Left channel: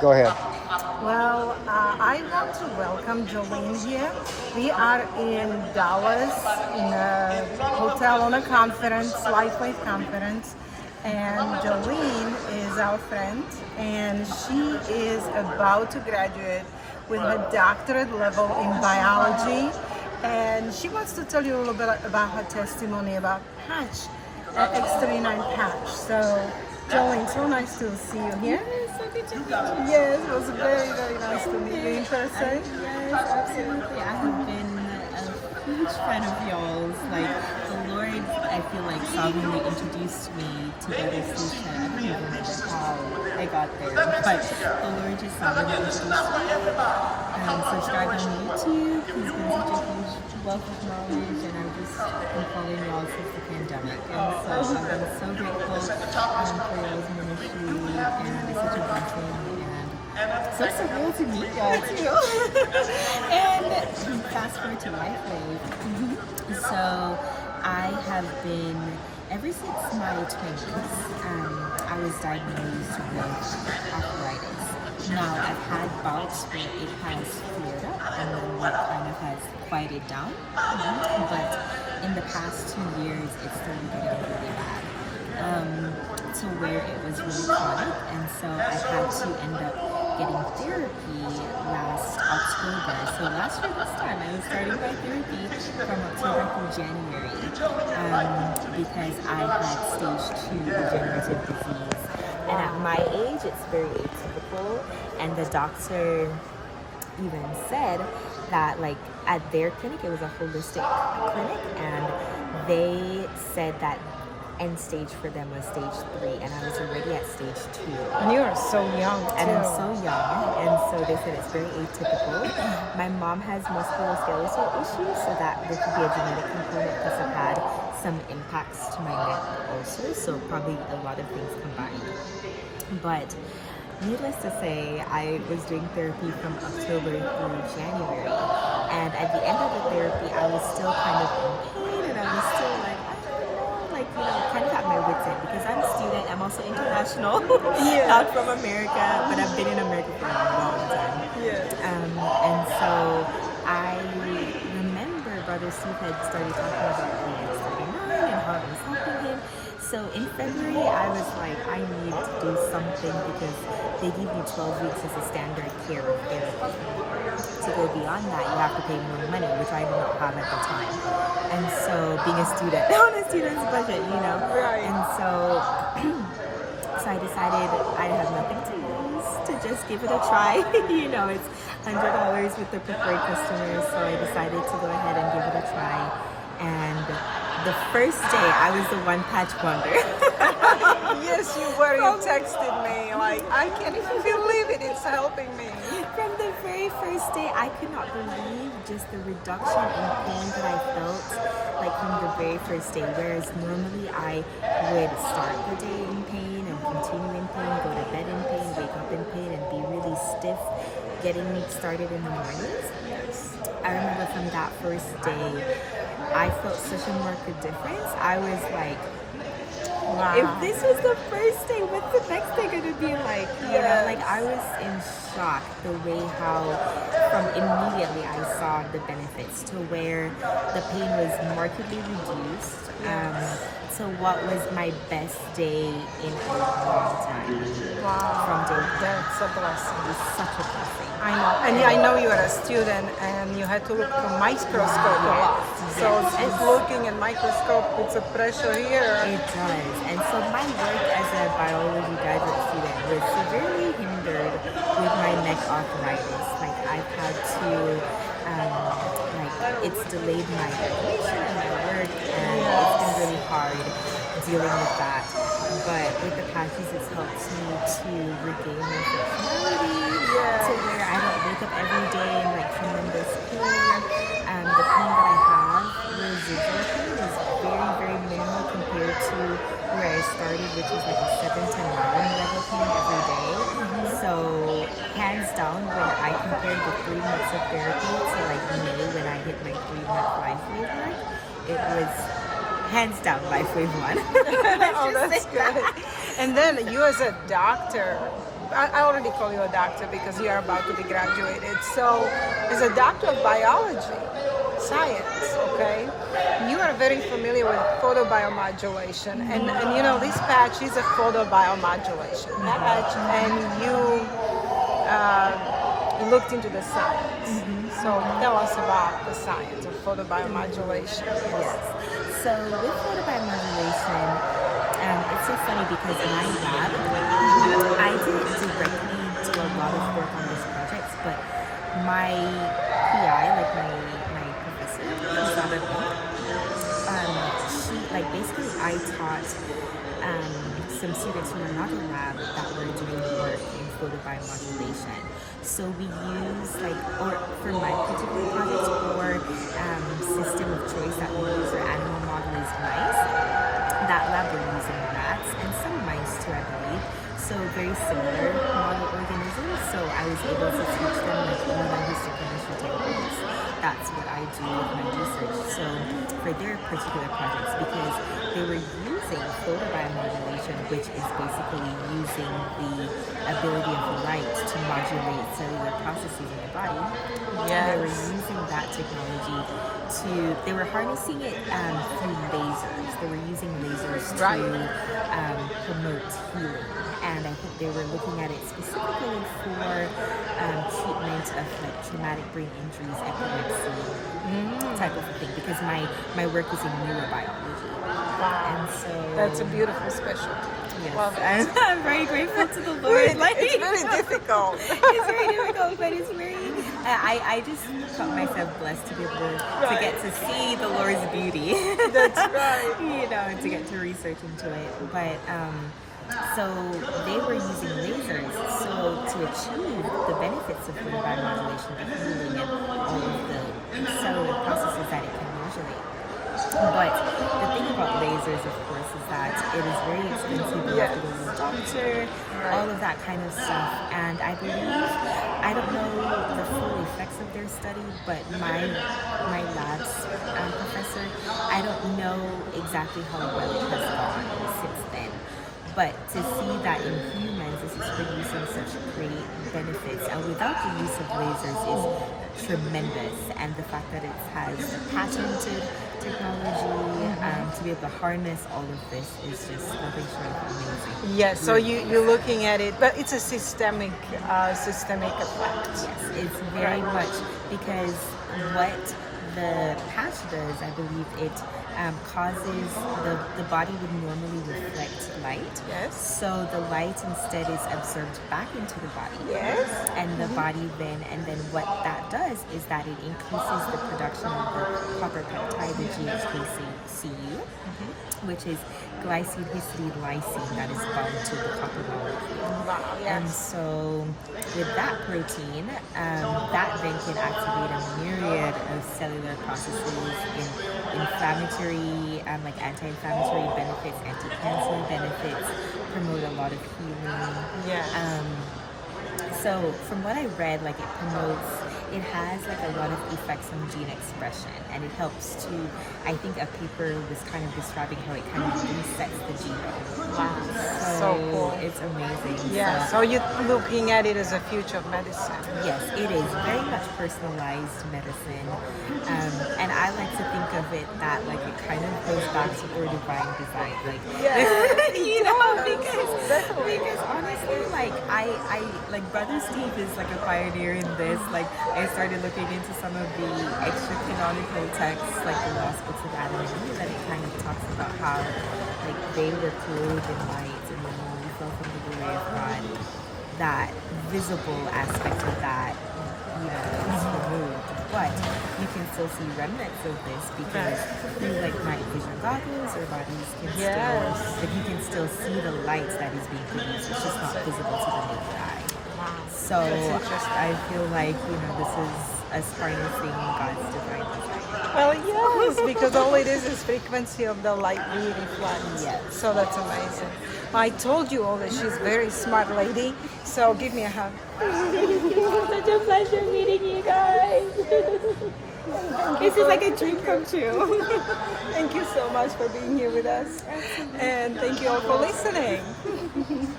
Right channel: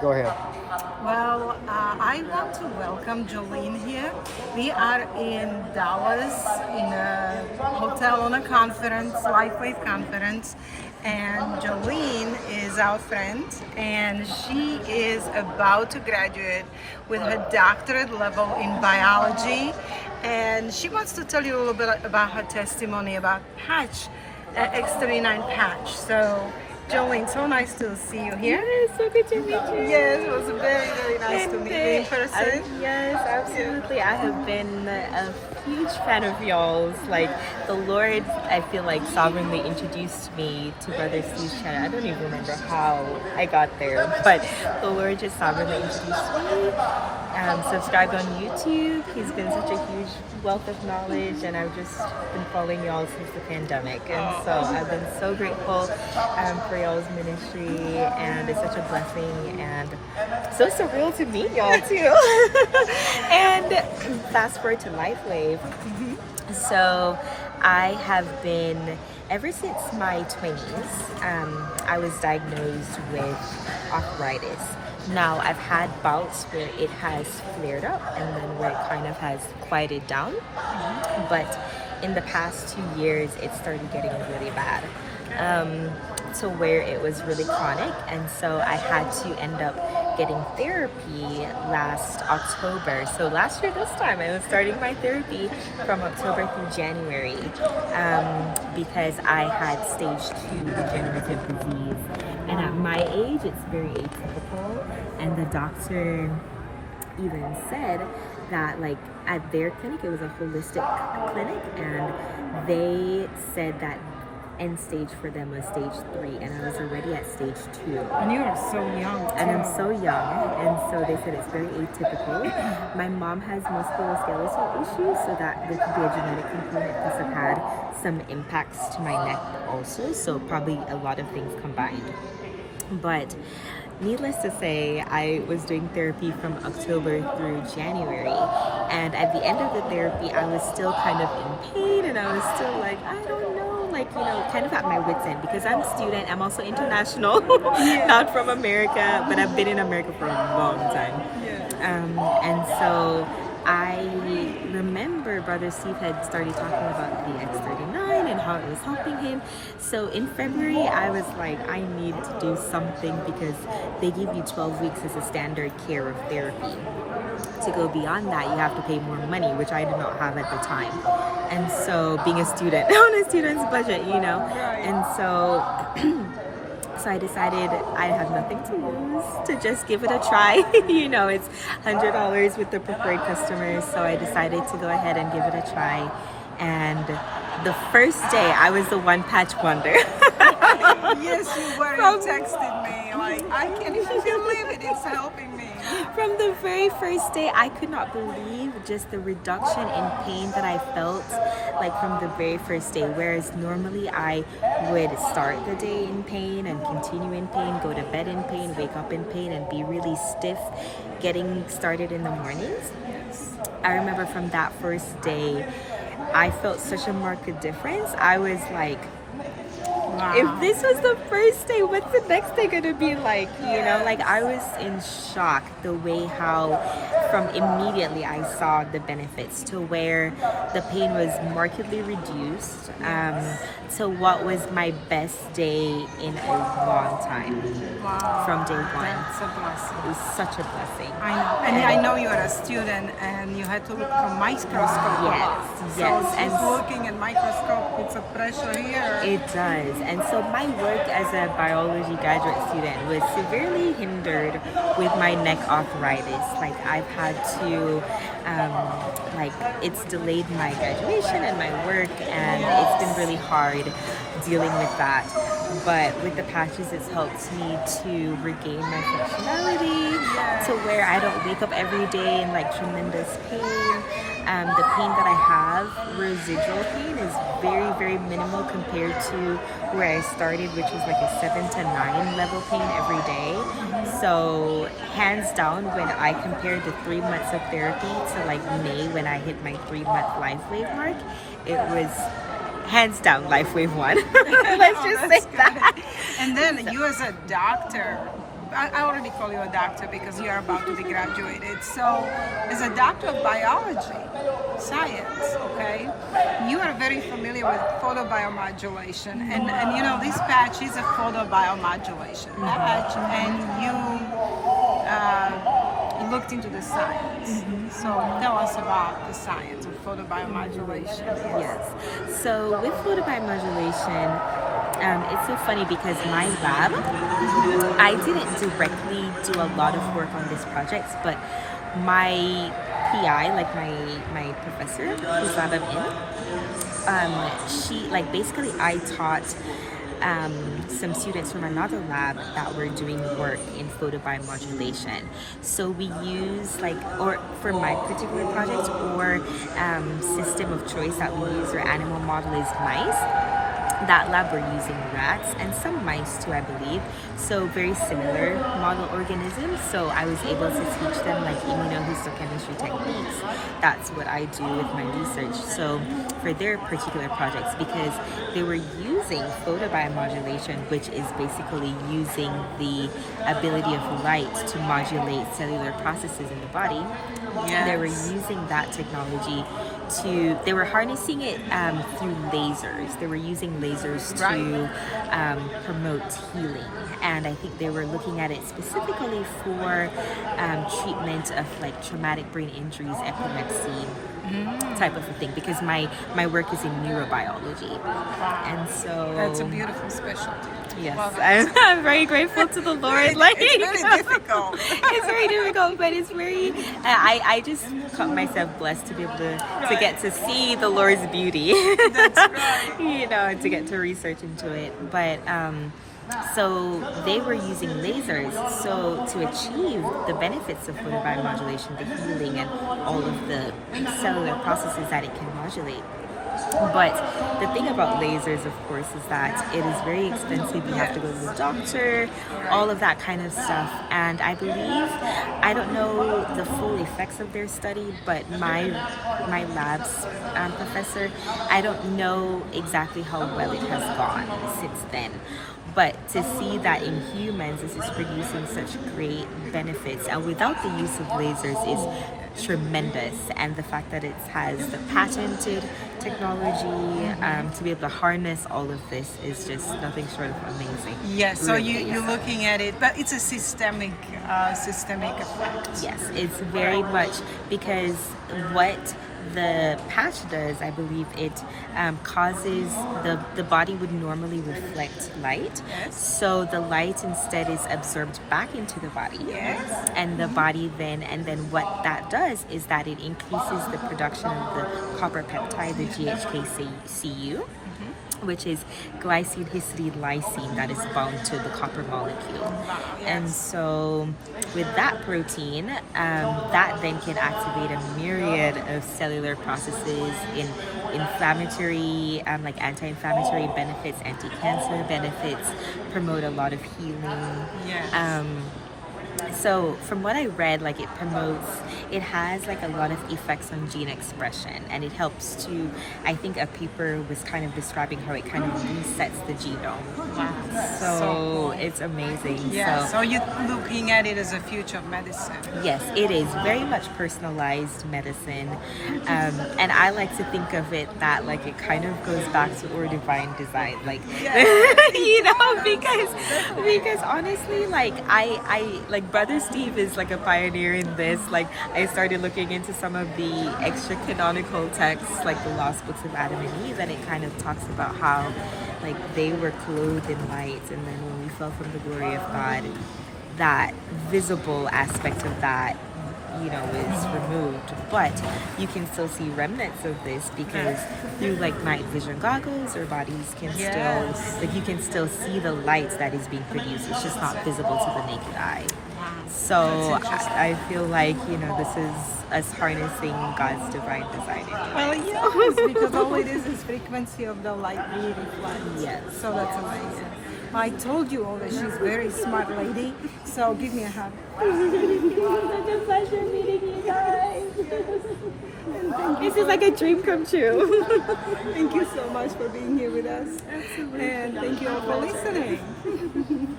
Go ahead. Well, I want to welcome Jolene here. We are in Dallas in a hotel on a conference, LifeWave conference, and Jolene is our friend, and she is about to graduate with her doctorate level in biology, and she wants to tell you a little bit about her testimony about patch, X39 patch. So. Jolene, so nice to see you here. Yes, so good to meet you. Yes, it was very, very nice to meet you in person. Yes, absolutely. I have been a huge fan of y'all's. Like, the Lord, I feel like, sovereignly introduced me to Brother Steve's channel. I don't even remember how I got there, but the Lord just sovereignly introduced me. Subscribed on YouTube. He's been such a huge wealth of knowledge, and I've just been following y'all since the pandemic. And so I've been so grateful for y'all's ministry, and it's such a blessing and so surreal to meet y'all too. And fast forward to LifeWave. So I have been, ever since my 20s, I was diagnosed with arthritis. Now, I've had bouts where it has flared up and then where it kind of has quieted down. But in the past 2 years, it started getting really bad. To where it was really chronic, and so I had to end up getting therapy last October. So last year this time I was starting my therapy from October through January because I had stage 2 degenerative disease, and at my age it's very atypical, and the doctor even said that, like, at their clinic, it was a holistic clinic, and they said that end stage for them was stage 3, and I was already at stage 2. And you are so young. And I'm so young, and so they said it's very atypical. My mom has musculoskeletal issues, so that there could be a genetic component, plus I've had some impacts to my neck also, so probably a lot of things combined. But needless to say, I was doing therapy from October through January, and at the end of the therapy, I was still kind of in pain, and I was still like, I don't know, like, you know, kind of at my wit's end, because I'm a student, I'm also international, not from America, but I've been in America for a long time. And so I remember Brother Steve had started talking about the X39 and how it was helping him. So in February, I was like, I need to do something, because they give you 12 weeks as a standard care of therapy. To go beyond that, you have to pay more money, which I did not have at the time. And so being a student, on a student's budget, you know, and so so I decided I have nothing to lose, to just give it a try. You know, it's $100 with the preferred customers, so I decided to go ahead and give it a try. And the first day, I was the one patch wonder. Yes, you were. You texted me. Like, I can't even believe it. It's helping me. From the very first day, I could not believe just the reduction in pain that I felt, like, from the very first day. Whereas normally I would start the day in pain and continue in pain, go to bed in pain, wake up in pain, and be really stiff getting started in the mornings. I remember from that first day, I felt such a marked difference. I was like, wow. If this was the first day, what's the next day gonna be like? You know, like, I was in shock the way how from immediately I saw the benefits, to where the pain was markedly reduced, to what was my best day in a long time. From day one. That's a blessing. It was such a blessing. I know. And I know you are a student, and you had to look at a microscope a lot. Yes. So And looking at microscope, it's a pressure here. it does. And so my work as a biology graduate student was severely hindered with my neck arthritis. Like, I've had to, it's delayed my graduation and my work, and it's been really hard dealing with that. But with the patches, it's helped me to regain my functionality, to where I don't wake up every day in, like, tremendous pain. The pain that I have, residual pain, is very, very minimal compared to where I started, which was like a 7 to 9 level pain every day. So hands down, when I compared the 3 months of therapy to, like, May, when I hit my 3-month LifeWave mark, it was hands down LifeWave 1. Let's just say that. And then you, as a doctor, I already call you a doctor because you are about to be graduated. So, as a doctor of biology, science, okay, you are very familiar with photobiomodulation, and you know this patch is a photobiomodulation patch, and you looked into the science. So tell us about the science of photobiomodulation. Yes. So with photobiomodulation, it's so funny because my lab, I didn't directly do a lot of work on this project, but my PI, like my professor, who's lab I'm in, she, like, basically I taught some students from another lab that were doing work in photobiomodulation. So we use, like, or for my particular project, or system of choice that we use, or animal model is mice. That lab we're using rats and some mice too, I believe. So very similar model organisms. So I was able to teach them like immunohistochemistry techniques. That's what I do with my research. So for their particular projects, because they were using photobiomodulation, which is basically using the ability of light to modulate cellular processes in the body. Yes. They were using that technology they were harnessing it through lasers. They were using lasers to promote healing. And I think they were looking at it specifically for treatment of like traumatic brain injuries, epilepsy, type of a thing, because my work is in neurobiology. And so That's a beautiful specialty. yes, Well, I'm very grateful to the Lord. Like, it's very difficult. it's very difficult, but it's very. I just caught myself blessed to be able to get to see the Lord's beauty. That's right. You know, to get to research into it. But so they were using lasers. So to achieve the benefits of photobiomodulation, the healing, and all of the cellular processes that it can modulate. But the thing about lasers, of course, is that it is very expensive. You have to go to the doctor, all of that kind of stuff. And I believe, I don't know the full effects of their study, but my lab's professor, I don't know exactly how well it has gone since then. But to see that in humans this is producing such great benefits, and without the use of lasers, is tremendous. And the fact that it has the patented technology to be able to harness all of this is just nothing short of amazing. Yes, so Really. you're looking at it, but it's a systemic effect. Yes, it's very much, because what the patch does, I believe it causes the body would normally reflect light. Yes. So the light instead is absorbed back into the body. Yes. And the body then what that does is that it increases the production of the copper peptide, the GHKCU, which is glycine histidine lysine that is bound to the copper molecule. And so with that protein, that then can activate a myriad of cellular processes in inflammatory, like anti-inflammatory benefits, anti-cancer benefits, promote a lot of healing. Yes. So from what I read, like it has like a lot of effects on gene expression, and it helps to, I think a paper was kind of describing how it kind of resets the genome. So cool. It's amazing. Yeah, so you're looking at it as a future of medicine. Yes, it is very much personalized medicine, and I like to think of it that like it kind of goes back to our divine design, like you know, because honestly, like I like Brother Steve is like a pioneer in this. Like I started looking into some of the extra canonical texts, like the Lost Books of Adam and Eve, and it kind of talks about how like they were clothed in light, and then when we fell from the glory of God, that visible aspect of that, you know, is removed, but you can still see remnants of this because through like night vision goggles, our bodies can still, like you can still see the light that is being produced. It's just not visible to the naked eye. So I feel like, you know, this is us harnessing God's divine design. Well, yes, because all it is frequency of the light being reflected. Yes. So that's amazing. I told you all that she's a very smart lady, so give me a hug. Such a pleasure meeting you guys. This is like a dream come true. Thank you so much for being here with us. Absolutely. And thank you all for listening.